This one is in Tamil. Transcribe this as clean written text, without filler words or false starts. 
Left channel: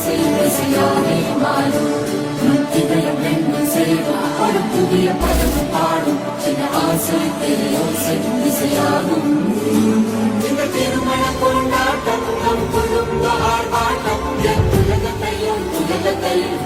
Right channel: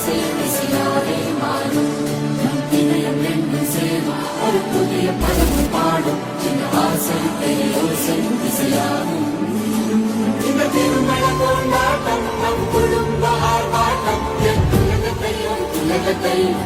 இசையாலே மாறும் திகழும் என்னும் செல்வம் அடுத்துய படகு பாடும் ஆசை பேரோசை இசையாகும் இந்த திருமண கொண்டாட்டம் நம் குடும்ப ஆர்ப்பாட்டம் உலகத்தையும்